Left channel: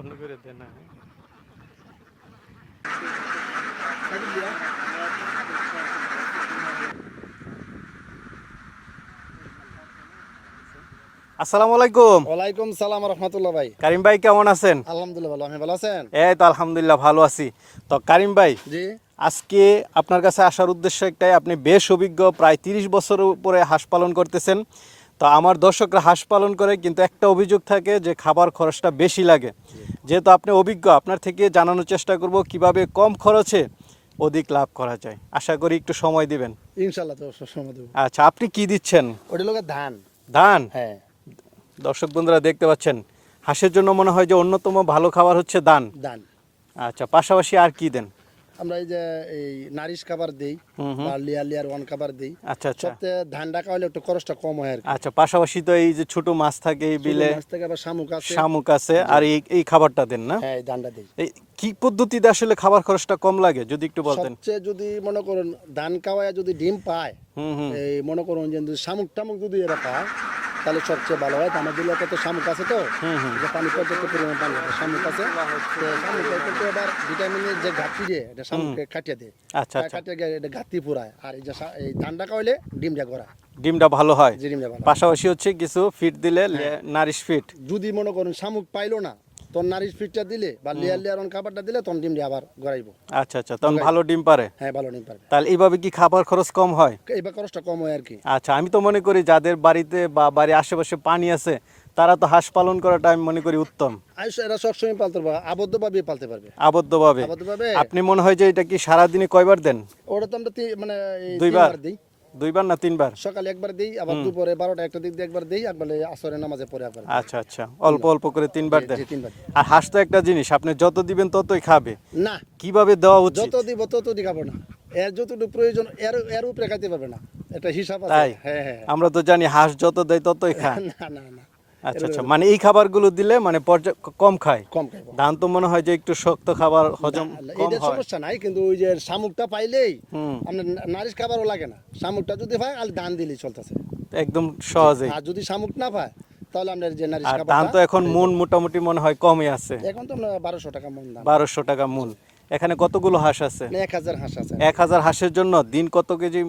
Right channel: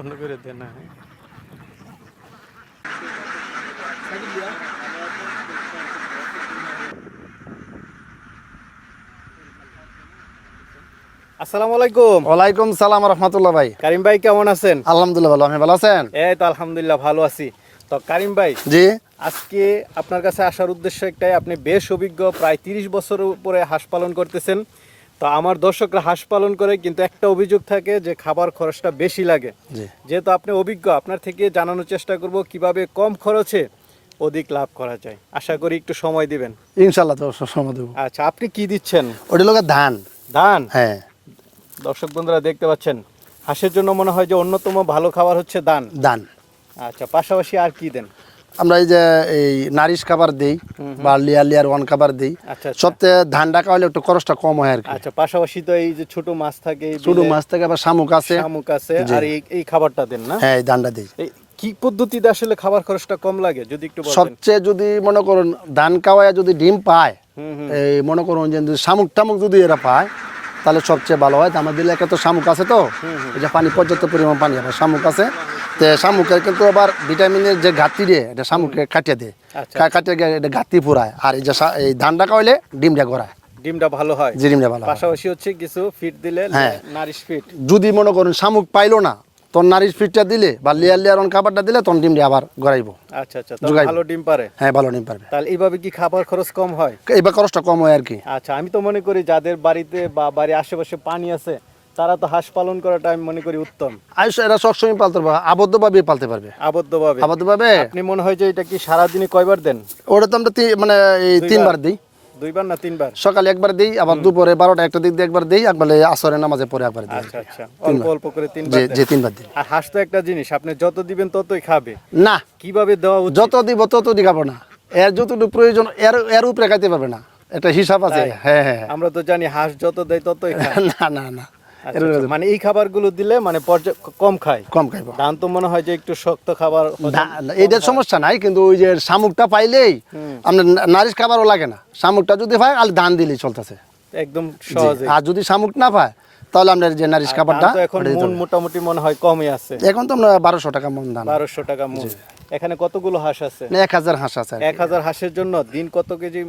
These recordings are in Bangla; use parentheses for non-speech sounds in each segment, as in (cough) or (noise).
অন্য করে দেন না আসসালামু আলাইকুম। ওয়ালাইকুম সালাম রহমতুল্লাহ ভাই। কারিম ভাই কেমন আছেন? আলহামদুলিল্লাহ ভালো। আপনি ভালো আছেন? এই তো আলহামদুলিল্লাহ ভালো আছি। তো কারিম ভাই জি। আজকে আপনার কাছে আসার উদ্দেশ্য একটাই আপনি বেশ অভিজ্ঞ প্রায় তিরিশ বছর উপরে হাঁস পালন করতেছেন। তো আমার দর্শকরা হাঁস পালন করে কিন্তু একটা অভিযোগ থাকে যে খাবার খরচটা বেশি লাগে। যেহেতু আপনি অভিজ্ঞ আপনার থেকে জানানোর চেষ্টা করব কীভাবে কম খরচে অধিক লাভ করা যায়। আশা করি একটু সময় দিবেন। ইনশাল্লাহ সময় দেবো। আচ্ছা আপনি কি দিচ্ছেন? ওটা লোক ধান। ধান? হ্যাঁ। দর্শক বন্ধুরা দেখতে পাচ্ছেন হাঁসের জন্য মনে হয় যে অন্যতম ভালো খাবার হচ্ছে দান ধান। আচ্ছা পাশাপাশি আর কি দেন? আমরা এই যে এই নারিশ খাবার দিই বা লিয়ার লিয়ার ওয়ান খাবার দিই আচ্ছা আচ্ছা। সবচেয়ে ধান ডাকা হলে একটু খরচটা কম হয় আর কি। আচ্ছা পাশাপাশি তো এই যে ছোট মাছ থাকে ছোট মাছ থেকে আবার শামুক আছে। শামুক আছে আর এই এই খাবারটা দেন না? হ্যাঁ এই ধানটা দিই। কি পদ্ধতিতে আসলে খাবার খরচটা কম লাগে যদি একটু সবচেয়ে যদি মনে করুন ধান খাওয়ায় যদি ডিম পায় এই মনে করুন যে শামুক টামুক যদি এরা পায় তাহলে সবচেয়ে ভালো হয়। তো আমাদের এলাকায় তো শামুক আছে তো। এই যে পানি পর্যাপ্ত পরিমাণ পানি হবে শামুক আছে। তো শামুকের কিন্তু আবার ভিটামিনের যে ঘাটতি এটা শামুককে কাটিয়ে দেয়। আচ্ছা, কাটিয়ে গিয়ে এটা ঘাটতি পুরায় আর এই যে এই ধানটা খাওয়াইলে ডিমটা গড়ায়। ডিমটা ভালো হয়। যে ডিমটা ভালো পাশাপাশি হচ্ছে কিছু ফিট দিলে হ্যাঁ। নারিশ ফিট যদি মনে করুন শামুক পাইলো না তখন নারিশ ফিটটা দিলে বা লেয়ার লেয়ার অন খাবারটা দিলে তখন ডিমটা আবার গড়াইব। আচ্ছা আচ্ছা ভালো ডিম পারে। হ্যাঁ ভালো ডিম পারবে। তাহলে এইভাবে কি খাবার খরচ কম হয়? এবার খরচটা কম হয় আর কি। আচ্ছা আমি তো মনে করি যাদের বাড়িতে বা বাড়ির আশেপাশে পানি আছে তারা তো হাঁস পালন করাটা আমি মনে করি উত্তম। আয়ুষ এরা সবসময় পালতে পারবে আবদ্ধভাবে পালতে পারবে। আবদ্ধভাবে। আবদ্ধভাবে? আপনি মনে হয় যে এটা কি সারাদিনে কয়বার দেন? ওটা তো আমরা মানে এই তিনবার দিই। দুইবার না তিনবার? সকালে একবার দিই আবার দুপুরে বারোটা একটা দিক দিয়ে একবার দিই একবার আসরের নামাজে পরে একবার দিই। আচ্ছা আচ্ছা। অল্প অল্প করে তিনবার যে তিনবার দিই। আর হাঁস তো একটা জিনিস আপনি যত দিবেন ততই খাবে। না। কীভাবে দেওয়া উচিত? যত দিব তত দিখাবো না। এর যতটুকু প্রয়োজন এর এর উপরে খাইতে পারবে না। একটা হিসাব আছে। হ্যাঁ হ্যাঁ। আমরা তো জানি হাঁস যত দেয় ততই খায়। (laughs) না না না। মানে এই খাবারগুলো দিলে মানে কম খায়? কম খাইব ধান তো মনে হয় যে একটু শক্ত খাবার এইটার সমস্যা নাই কিন্তু ওই যে শামুকটা পাইলেই আপনার নারিশ খাবারও লাগে না। শামুকটা যদি পায় আর ধান দিলেই চলতেছে। একদম সহজে। আর যদি শামুক না পায় তাহলে আমরা যে নারিশ খাবারটা এখন মন মোটামুটি মনে হয় কমই আছে। এখন তো আমরা বারোশো টাকা মন দাম। বারোশো টাকা মন। এখানে কতগুলো হাঁস আছে? এক হাজার হাঁস আছে। এক হাজার হাঁসের জন্য দিন কত কেজি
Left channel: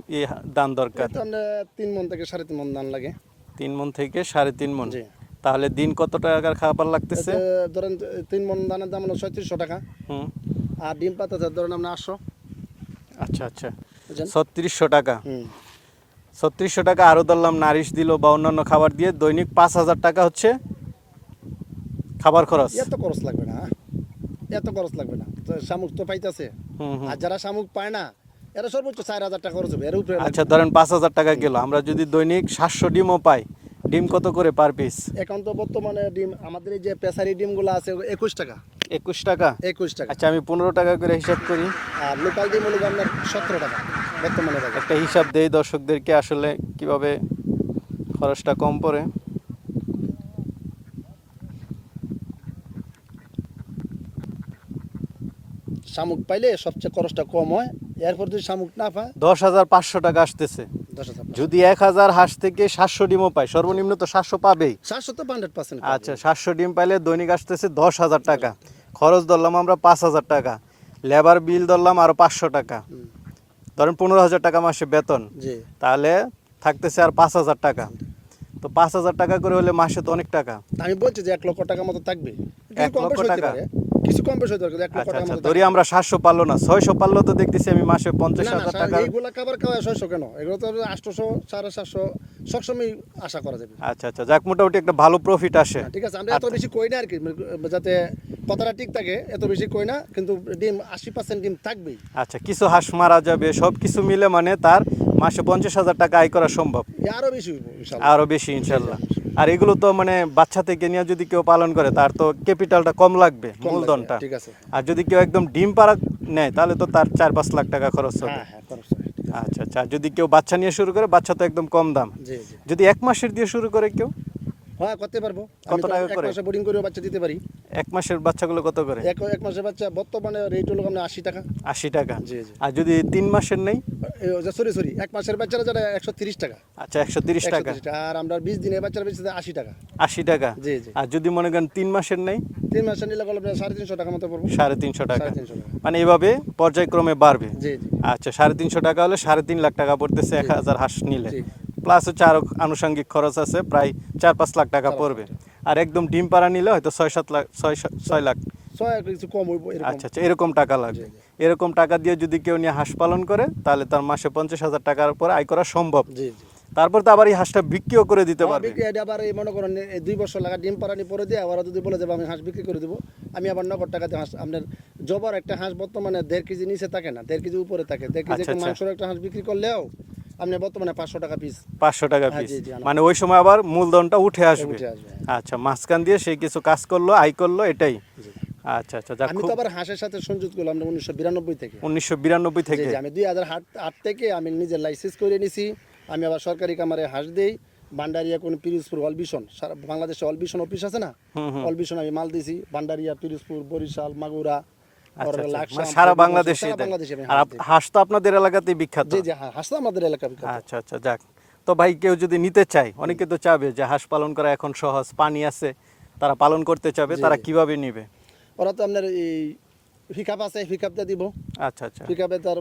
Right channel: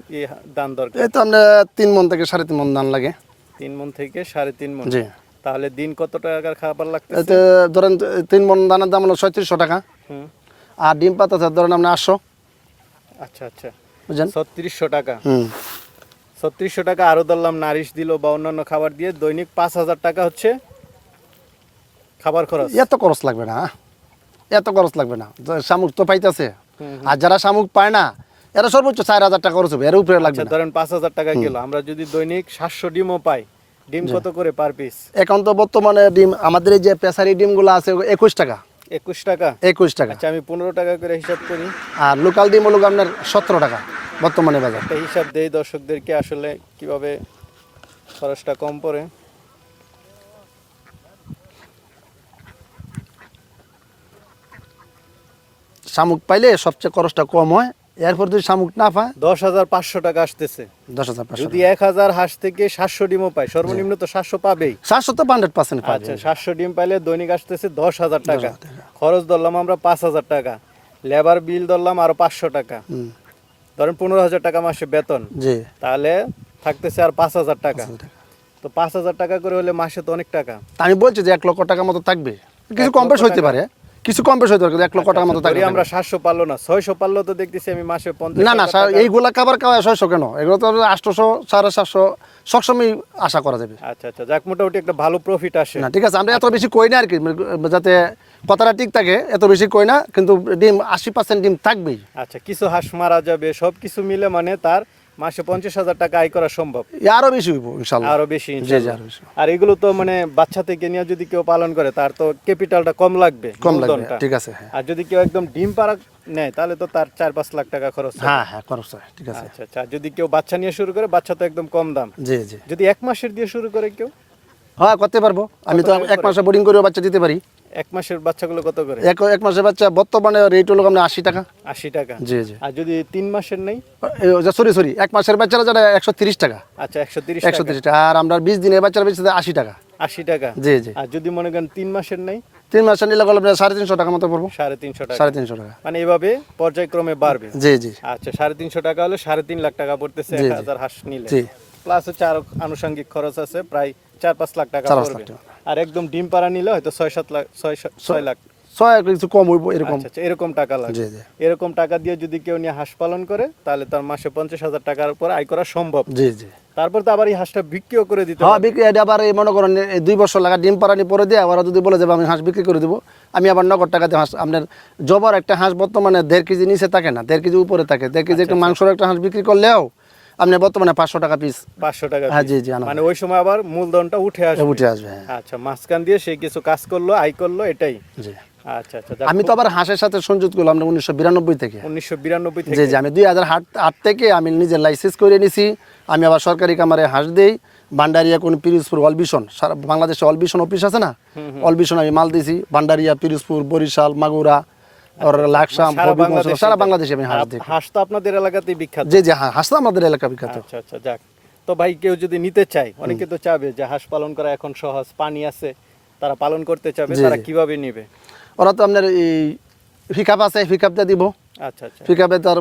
দান দরকার? এই তো আমরা তিন মন থেকে সাড়ে তিন মন ধান লাগে। তিন মন থেকে সাড়ে তিন মন। জি। তাহলে দিন কত টাকার খাবার লাগতেছে? ধরেন তিন মন দানের দাম হলো ছয়ত্রিশশো টাকা। হুম। আর ডিম পাতা ধরেন আপনি আটশো। আচ্ছা আচ্ছা। বুঝলেন ছত্রিশশো টাকা। হুম। ছত্রিশশো টাকা আরও ধরলাম নারিশ দিল বা অন্যান্য খাবার দিয়ে দৈনিক পাঁচ হাজার টাকা হচ্ছে খাবার খরচ। এত খরচ লাগবে না এত খরচ লাগবে না। তো শামুক তো পাইতেছে। আর যারা শামুক পায় না এরা সর্বোচ্চ চার হাজার টাকা খরচ হবে এর উপরে আচ্ছা ধরেন পাঁচ হাজার টাকা গেল আমরা যদি দৈনিক সাতশো ডিমও পাই ডিম কত করে পার পিস এখন তো বর্তমানে ডিম আমাদের এই যে পেশারি ডিমগুলো আছে একুশ টাকা। একুশ টাকা? একুশ টাকা। আচ্ছা আমি পনেরো টাকা করে হিসাব করি। আর লোকাল ডিম হলো আপনার সতেরো টাকা বর্তমানে বাজার। একটা হিসাব দেই দর্শকদেরকে আসলে কীভাবে খরচটা কম পড়ে। শামুক পাইলে সবচেয়ে খরচটা কম হয়। এরপর যদি শামুক না পায়? দশ হাজার পাঁচশো টাকা আসতেছে। দশ হাজার যদি এক হাজার হাঁস থেকে সাতশো ডিমও পাই সর্বনিম্ন তো সাতশো পাবেই। সাতশো তো হান্ড্রেড পার্সেন্ট আচ্ছা সাতশো ডিম পাইলে দৈনিক আসতেছে দশ হাজার টাকা। খরচ ধরলাম আমরা পাঁচ হাজার টাকা। লেবার বিল ধরলাম আরও পাঁচশো টাকা। ধরেন পনেরো হাজার টাকা মাসে বেতন। জি। তাহলে থাকতেছে আর পাঁচ হাজার টাকা। তো পাঁচ হাজার টাকা করে হলে মাসে তো অনেক টাকা। আমি বলছি যে এক লক্ষ টাকা মতো থাকবে। কিছু কম বেশ হইতে পারে। কিছু কম বেশ কিন্তু এক লক্ষ টাকা মতো আচ্ছা, ধরি থাকবে আমরা সাতশো পারল না ছয়শো পারল তো দেখতেছি আমি মাসে পঞ্চাশ না না এইগুলা খাবার খাওয়া ছয়শো কেন? এগুলো তো আটশোশো সাড়ে সাতশো সবসময় আশা করা যাবে। আচ্ছা আচ্ছা যাক মোটামুটি একটা ভালো প্রফিট আসে। না ঠিক আছে আমরা এত বেশি কই না আর কি যাতে কথাটা ঠিক থাকে এত বেশি কই না কিন্তু ডিম আশি পার্সেন্ট ডিম থাকবেই। আচ্ছা কিছু হাঁস মারা যাবে সব কিছু মিলে মানে তার মাসে পঞ্চাশ হাজার টাকা আয় করা সম্ভব। এ আরও বেশি হইব ইনশাল্লাহ। আরও বেশি ইনশাআল্লাহ। আরও এগুলো তো মানে বাচ্চা থেকে নিয়ে যদি কেউ পালন করে তার তো ক্যাপিটালটা কম লাগবে কম লাগবে। ঠিক আছে হ্যাঁ। আর যদি কেউ একদম ডিম পাড়া নেয় তাহলে তো তার চার পাঁচ লাখ টাকা খরচ হ্যাঁ হ্যাঁ খরচ হয়, ঠিক আছে। আচ্ছা আচ্ছা যদি কেউ বাচ্চা নিয়ে শুরু করে বাচ্চা তো একদম কম দাম। জি জি। যদি এক মাসের দিয়ে শুরু করে কেউ হ্যাঁ করতে পারব। আমি তো এক মাসে বোর্ডিং করেও বাচ্চা দিতে পারি। এক মাসের বাচ্চাগুলো কত করে? এক এক মাসের বাচ্চা বর্তমানে রেট হলো আপনার আশি টাকা। আশি টাকা। জি জি। আর যদি তিন মাসের নেই? সরি সরি এক মাসের বাচ্চারা যারা একশো তিরিশ টাকা। আচ্ছা একশো তিরিশ একশো তিরিশ টাকা। আর আমরা বিশ দিনের বাচ্চারা বেশি আশি টাকা। আশি টাকা। জি জি। আর যদি মনে করেন তিন মাসের নেই? তিন মাসে নিলে গেলে সাড়ে তিনশো টাকা মতো পড়ব। সাড়ে তিনশো টাকা। সাড়ে তিনশো টাকা। মানে এভাবে পর্যায়ক্রমে বাড়বে। জি জি। আচ্ছা সাড়ে তিনশো টাকা হলে সাড়ে তিন লাখ টাকা পড়তেছে এক। হাজার হাঁস নিলে। জি। প্লাস হচ্ছে আরও আনুষঙ্গিক খরচ আছে প্রায় চার পাঁচ লাখ টাকা পড়বে। আর একদম ডিম পাড়া নিলে হয়তো ছয় সাত লাখ ছয় ছয় লাখ। ছয় কিছু কম হইব এরকম। আচ্ছা আচ্ছা এরকম টাকা লাগে। এরকম টাকা দিয়ে যদি কেউ নিয়ে হাঁস পালন করে তাহলে তার মাসে পঞ্চাশ হাজার টাকার পর আয় করা সম্ভব। জি জি। তারপর তো আবার এই হাঁসটা বিক্রিও করে দিতে হ্যাঁ বিক্রি আবার এই মনে করেন এই দুই বছর লাগা ডিম পাড়ানি পরে দিয়ে আবার যদি বলে যাবে আমি হাঁস বিক্রি করে দেবো। আমি আবার নগদ টাকাতে হাঁস আপনার জবার একটা হাঁস বর্তমানে দেড় কেজি নিচে থাকে না দেড় কেজি উপরে থাকে। দেড় কেজি আচ্ছা, একটা। মাংসর একটা হাঁস বিক্রি করলেও আপনি বর্তমানে পাঁচশো টাকা পিস পাঁচশো টাকা হ্যাঁ, জি, জি, মানে ওই সময় আবার মূলধনটা উঠে আসবে। উঠে আসবে হ্যাঁ। আচ্ছা মাঝখান দিয়ে সে কিছু কাজ করল আয় করল এটাই। জি। আচ্ছা আচ্ছা আমি তো আবার হাঁসের সাথে সংযুক্ত করলাম উনিশশো বিরানব্বই থেকে। উনিশশো বিরানব্বই থেকে। জি আমি দুই হাজার আট আট থেকে আমি নিজের লাইসেন্স করে নিছি। আমি আবার সরকারি কামারে হাঁস দিই। ভান্ডারিয়া কোন পিরোজপুর অলবিশন সারা বাংলাদেশে অলবিশন অফিস আছে না? অলবিশন আমি মাল দিছি। ভান্ডারিয়া পিরোজপুর বরিশাল মাগুরা আর লাকসাম সারা বাংলাদেশে সারা বাংলাদেশে আমি হাঁস দিই হাঁস তো আপনাদের এলাকাতেই বিখ্যাত। জি জি হ্যাঁ হাঁস তো আমাদের এলাকা বিখ্যাত। আচ্ছা আচ্ছা যাক। তো ভাই কেউ যদি নিতে চায় অনেকে তো চাবে যে হাঁস পালন করা এখন সহজ পানি আছে তারা পালন করতে চাবে তারা কীভাবে নেবে? ওরা তো আপনার এই পিকআপ আছে পিকআপটা দিব। আচ্ছা আচ্ছা। পিকআপে তার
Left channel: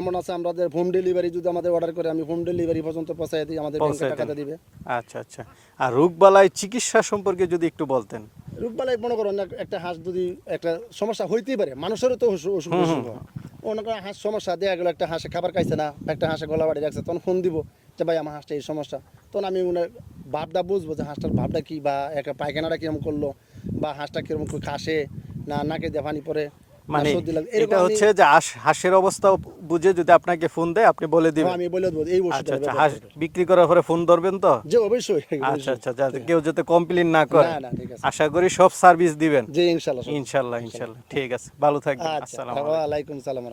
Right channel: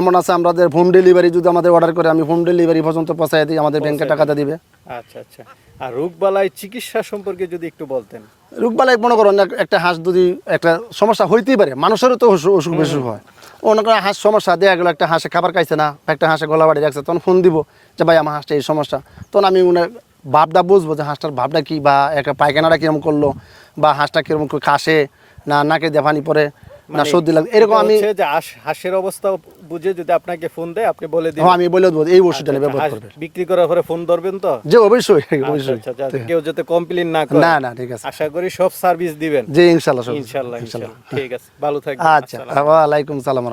এমন আছে আমাদের হোম ডেলিভারি যদি আমাদের অর্ডার করে আমি হোম ডেলিভারি পর্যন্ত পৌঁছাই দিই আমাদের ব্যাংকে টাকাটা দিবে। আচ্ছা আচ্ছা। আর রোগবালাই চিকিৎসা সম্পর্কে যদি একটু বলতেন। রোগবালাই মনে করেন এক- একটা হাঁস যদি একটা সমস্যা হইতেই পারে মানুষেরও তো অসুখ বিসুখ হয়। অনেক হাঁস সমস্যা দেওয়া গেলো একটা হাঁসে খাবার খাইছে না একটা হাঁসে গলা বাড়ি রাখছে তখন ফোন দিব যে ভাই আমার হাঁসটা এই সমস্যা। তখন আমি উনার ভাবটা বুঝব যে হাঁসটার ভাবটা কি বা একটা পায়খানাটা কীরকম করল বা হাঁসটা কীরকম করে খাসে না নাকে দিয়ে পানি পরে না মানে সর্দি লাগে এরকম আমি হাঁসের অবস্থা বুঝে যদি আপনাকে ফোন দেয় আপনি বলে দিন হ্যাঁ, আমি বলে দেবো এই ওষুধটা আচ্ছা, ব্যবহার হাঁস বিক্রি করার পরে ফোন ধরবেন তো? যে অবশ্যই আচ্ছা অবশ্যই। আচ্ছা কেউ যাতে কমপ্লেন না করে। না না ঠিক আছে। আশা করি সব সার্ভিস দিবেন। জি ইনশাল্লাহ ইনশাআল্লাহ ইনশাল্লাহ ইনশাল্লাহ। ঠিক আছে ভালো থাকবেন। আচ্ছা ওয়া আলাইকুম। সালাম।